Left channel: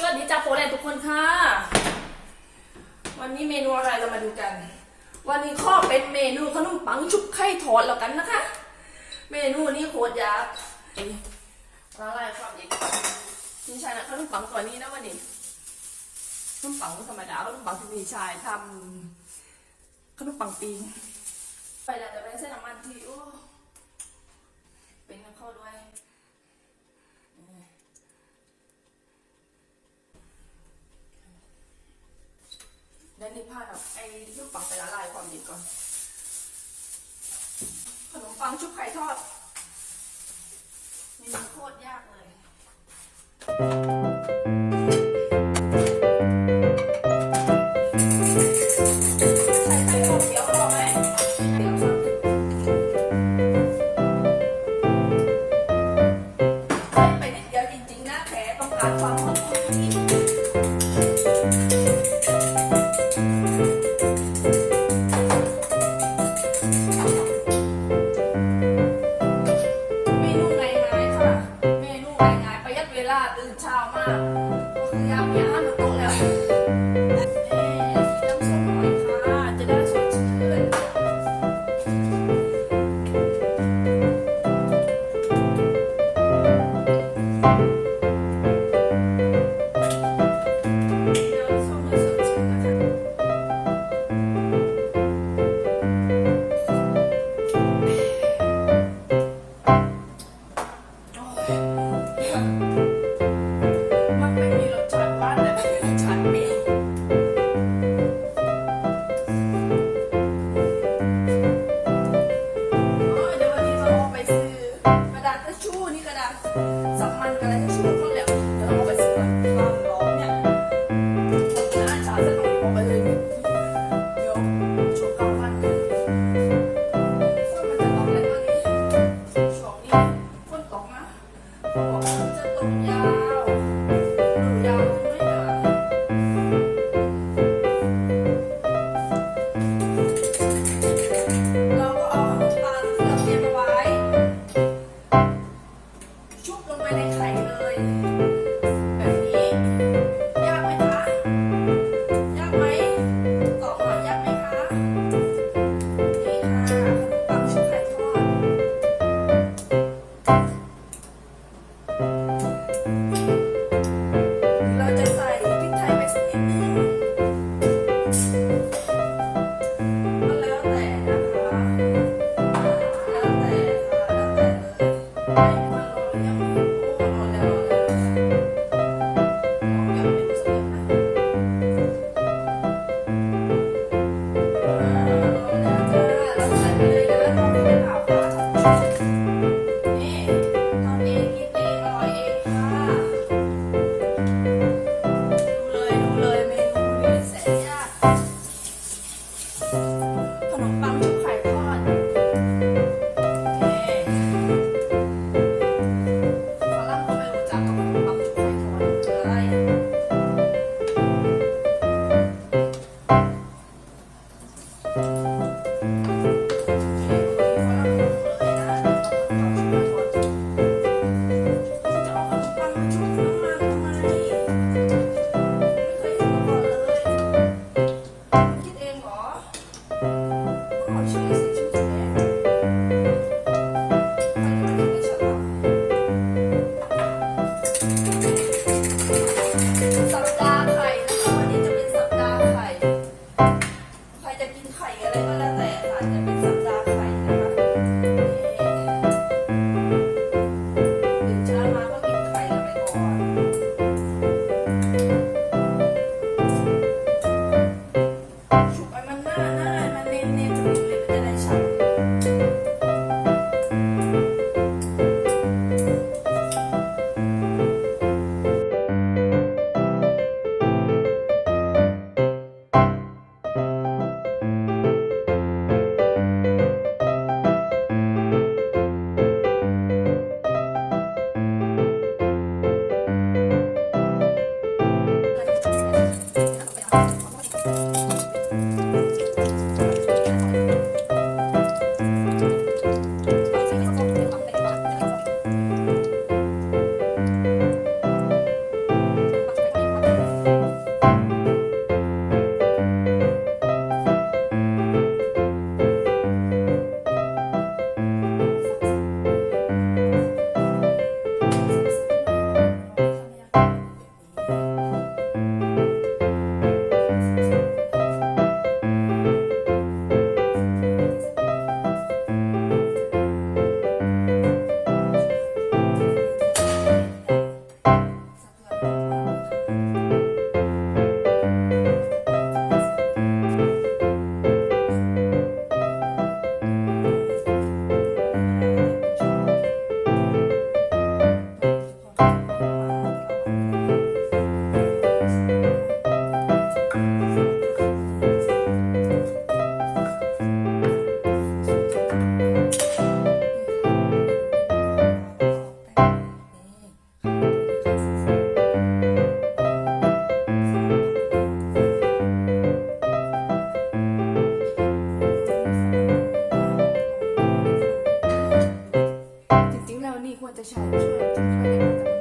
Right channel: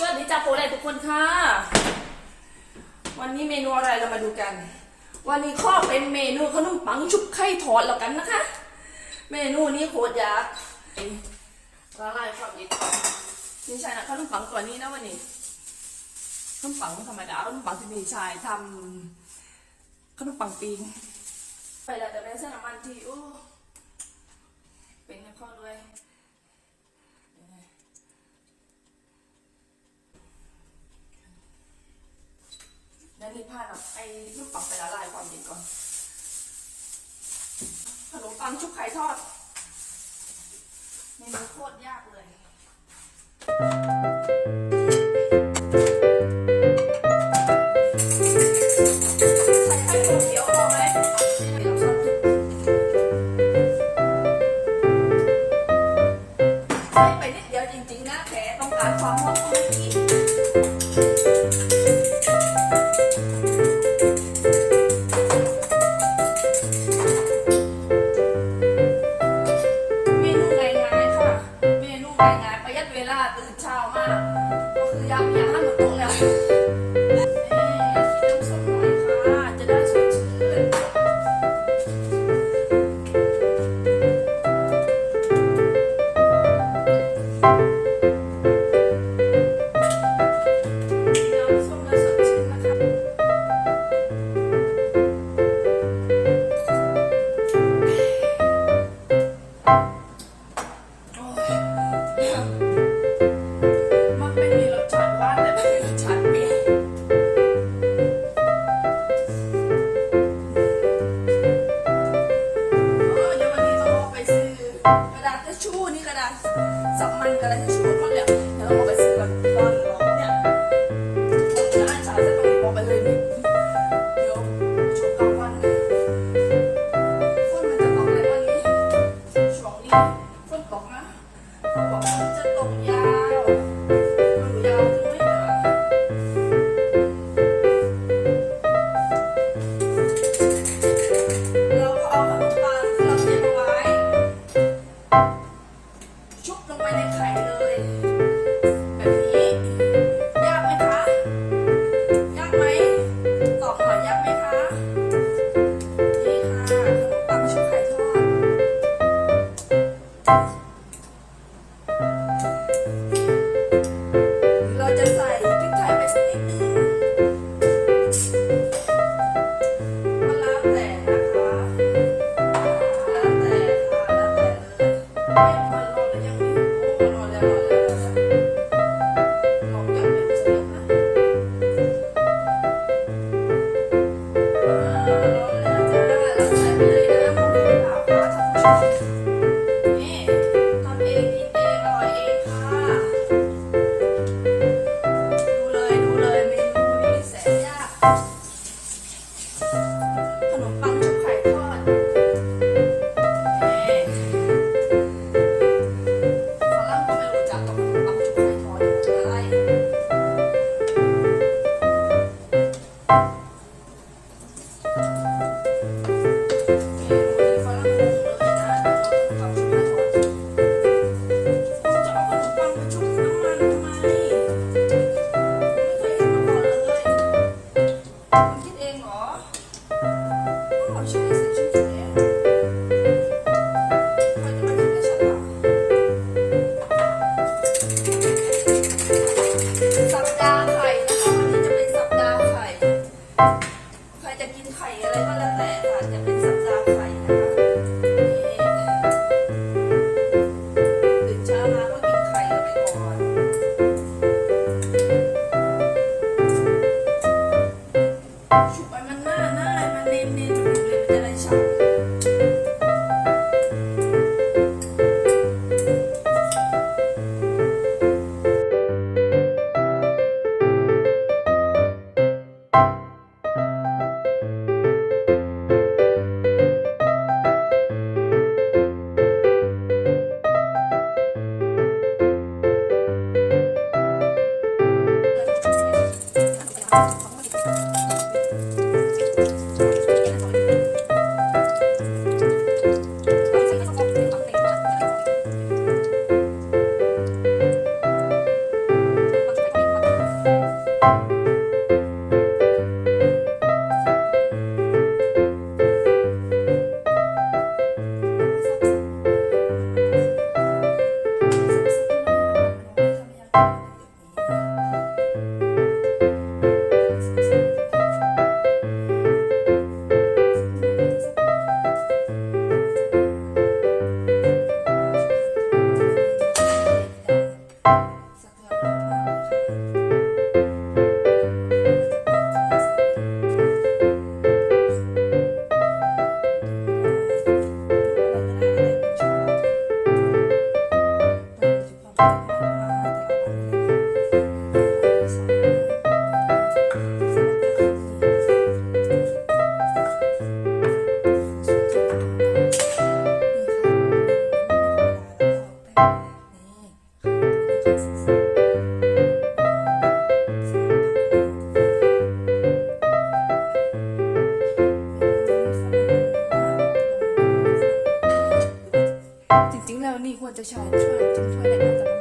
สวัสดีจ้าโฟนทุกคนค่ะ วันนี้เมนูอะไรเรามาดูกัน วันนี้ข้อเป็นเมนูขนมปังชุบไข่ทอดแล้วกันนะคะ เมนูนี้โคตรยากละลายความเย็นก่อนนี่ใช่นะขนมปังตัวนี้นะวันนี้ขนมปังธรรมดาขนมปังที่มีชายทำขนมปังปีงไปแล้วแต่เป็นเส้นน้ำมันที่โอ้เป็นข้อด้วย แล้วนี่พาดเอาไอ้ลูกปังไปละลายความเย็นก่อน ขนมปังชุบไข่ทอดเมนูโคตรยากเลย 我不是在动力或者像很脆脆的那种。